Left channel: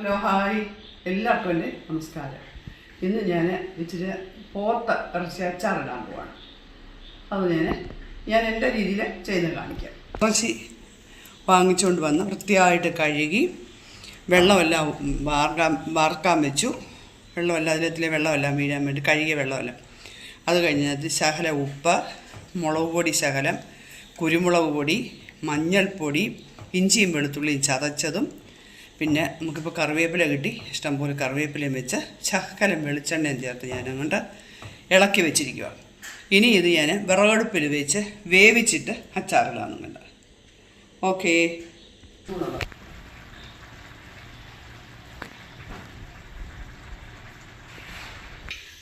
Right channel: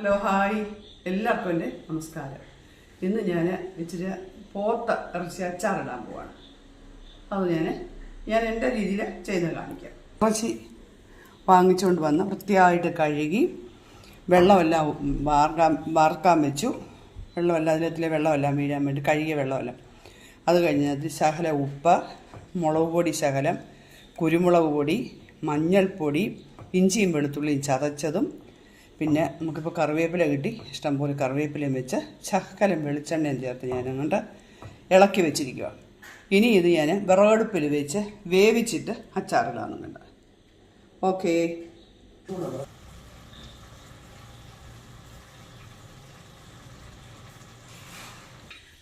Hello hi. എല്ലാവർക്കും എന്റെ നമസ്കാരം. ഇന്ന് ഞാൻ ഇച്ചിരി പോത്ത ഇറച്ചി അച്ചാറിടാൻ പോവാണ്. അത് ഞാൻ ഞാൻ എന്റെ രീതിയിൽ ചെയ്ത് കാണിക്കാം. ഇറച്ചി വാങ്ങിച്ചുകൊണ്ട് വന്ന് വൃത്തിയായിട്ട് കഴുകി വെള്ളമെല്ലാം വാർക്കാൻ വാർക്കാൻ വെച്ചു. വെള്ളമെല്ലാം അതിലത്തിലെ വെള്ളമെല്ലാം വീഴാൻ വേണ്ടി കഴുകിയ വെള്ളമെല്ലാം. അത് കഴിഞ്ഞത് ശകല ഉപ്പ് മുളക് പൊടി ശകലം കുരുമുളക് പൊടി മഞ്ഞൾപ്പൊടി ഇഞ്ചിയും വെളുത്തുള്ളിയും ചതച്ചതും പിന്നെ നമുക്കിപ്പോൾ കറിവേപ്പില കിട്ടി. ഇഷ്ടംപോലെ കറിവേപ്പിലയും വെച്ച് ശകലം വെളിച്ചെണ്ണയും ചേർത്ത് ഞാൻ അങ്ങോട്ട് ഇളക്കി വെച്ചിരിക്കുക ഇനി ഇത് ഞാൻ വിറകടുപ്പിൽ വെച്ച് വേവിച്ചിട്ട് അച്ചാറിടാന്ന് കണ്ട. ഓക്കേ.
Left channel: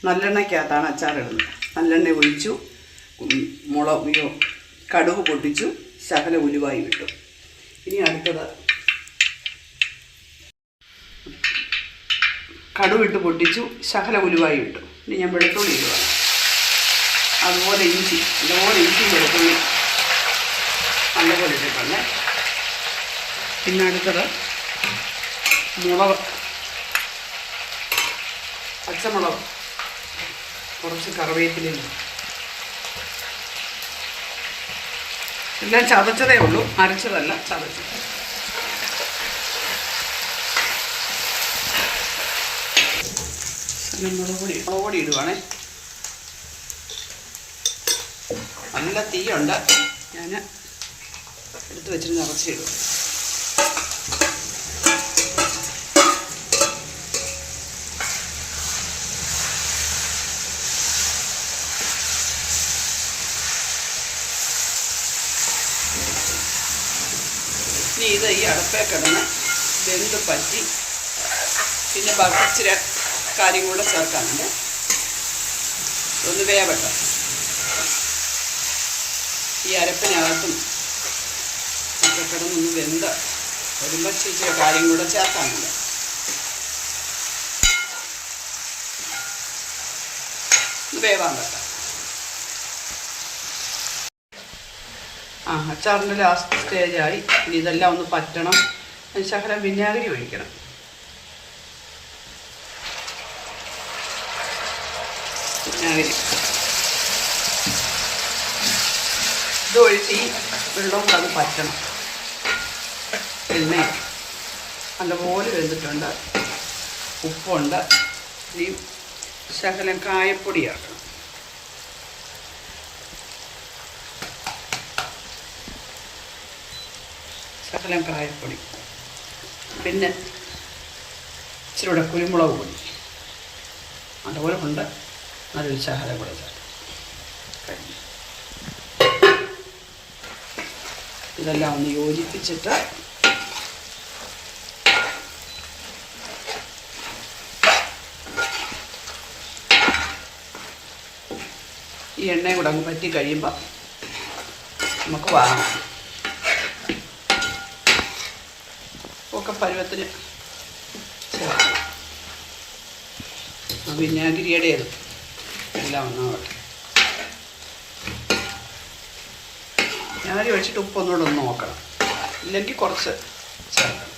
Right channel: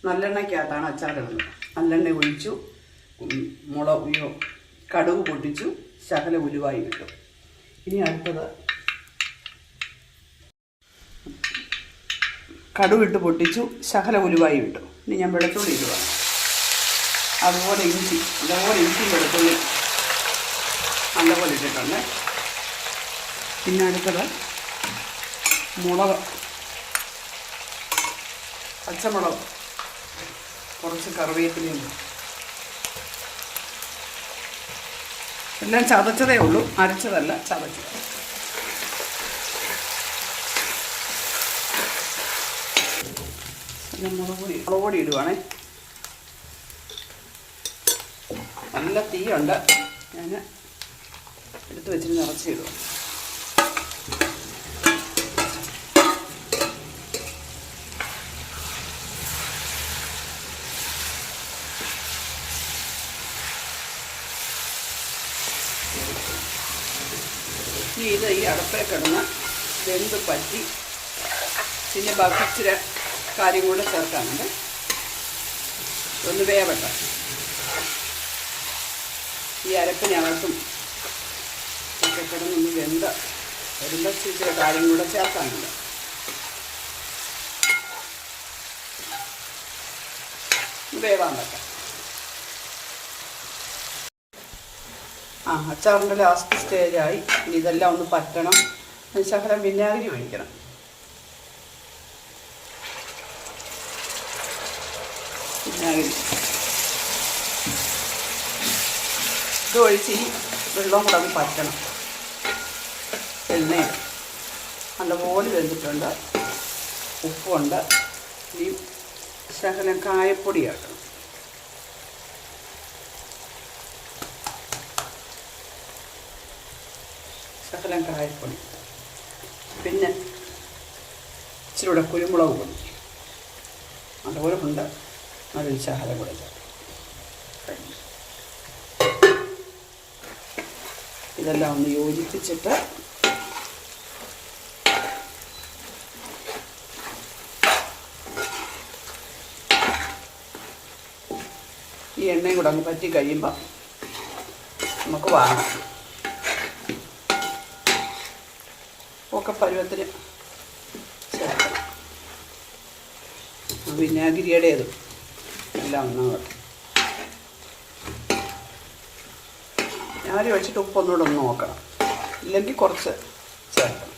നല്ലെണ്ണയ്ക്കകത്താണ് അച്ചാറിടുന്നത്. നല്ലെണ്ണ ഒഴിച്ചു അയ്യോ, കടുക് പൊട്ടിച്ചു ശകല ഉലുവായി വിട്ടു. ഇനി അടുത്തത് കടുവിട്ട് പൊട്ടിച്ചു ശകല ഉലുവായി വിട്ടു. ഇനി ഞാൻ വെളുത്തുള്ളി ഇടുക. അതുപോലെ ഇഞ്ചി അതുപോലെ ഇഞ്ചി വെളുത്തുള്ളി നല്ലപോലെ ഇട്ടിട്ടുണ്ട്. പിന്നെ അടുത്തത് മുളക് പച്ചമുളക് കുറച്ച് കറിവേപ്പിലയും. എല്ലാം ചതച്ചതേ ഉള്ളൂ അരച്ചതല്ല ചതച്ചത് പിന്നെ മുളക് പൊടി മുളക് പൊടി ഇടുവാണേ. നല്ല തീയുണ്ട്. ഞാൻ എടുത്ത് വെച്ചിട്ട് നിറച്ചിടും ഇനി ഇത് ഈ അടുപ്പേ കിടന്ന് വെന്ത് പറ്റി. പിന്നെ ബാക്കി ഇച്ചിരി കാര്യം കൂടെ ചേർക്കാനുണ്ട്. ഒന്ന് വേവട്ടെ. ഈ അരപ്പിനകത്തും ഒക്കെ കിടന്നൊന്ന് വെന്ത വരുമ്പോൾ ഇച്ചിരി കാര്യം കൂടെ ചേർക്കാനുണ്ട്. വേവാൻ വെക്കാം. ആ അച്ചാറിന്റെ ലാസ്റ്റ് സ്റ്റേജായി ഇനി ഇതെല്ലാം ഒന്ന് പറ്റണം. ശകലം വിനാഗിരി ഒഴിക്കണം. വിനാഗിരി ഇത് ഒഴിച്ച് ഈ വെള്ളം കൂടെ അത് പറ്റണം. എണ്ണ നല്ലപോലെ വെന്തിട്ടുണ്ട്. ഉപ്പുണ്ട്. ഇനി ശകലം കായപ്പൊടി ശകലം കായപ്പൊടി. പിന്നെ ഇച്ചിരി കൂടെ കുരുമുളക് പൊടി. അതുപോലെ കൊണ്ട് നല്ലൊരു ശകലം കൂടെ ചേർക്കും ഇതെല്ലാം ഒന്ന് യോജിപ്പിച്ചിട്ട് ഈ എണ്ണയും കൂടെ അങ്ങ് പറ്റി കഴിയുമ്പോൾ നമുക്ക് വാങ്ങാം. ഒക്കെ പരുവത്തിന് ചേർക്കാം വിനാഗിരിയുടേത്. എല്ലാം ഒന്നാവട്ടെ വെച്ചിട്ട് ഒഴിച്ചിട്ട് ഉപ്പൊന്നുകൂടെ ഒന്ന് നോക്കണം. ഇല്ലെങ്കിൽ കുറച്ച് ചേർക്കണം.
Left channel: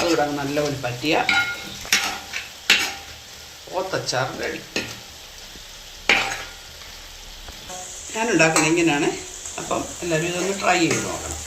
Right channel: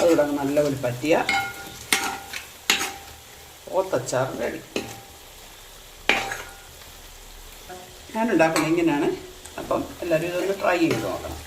അതുകൂടെ അങ്ങ് നല്ലപോലെ പറ്റിയ ഓത്തച്ചാർ റെഡി. ഞാനുണ്ടാക്കുന്നത് ഇങ്ങനെയാണ്. അപ്പം എല്ലാവരും ഇതൊന്ന് ട്രൈ ചെയ്ത് നോക്കണം.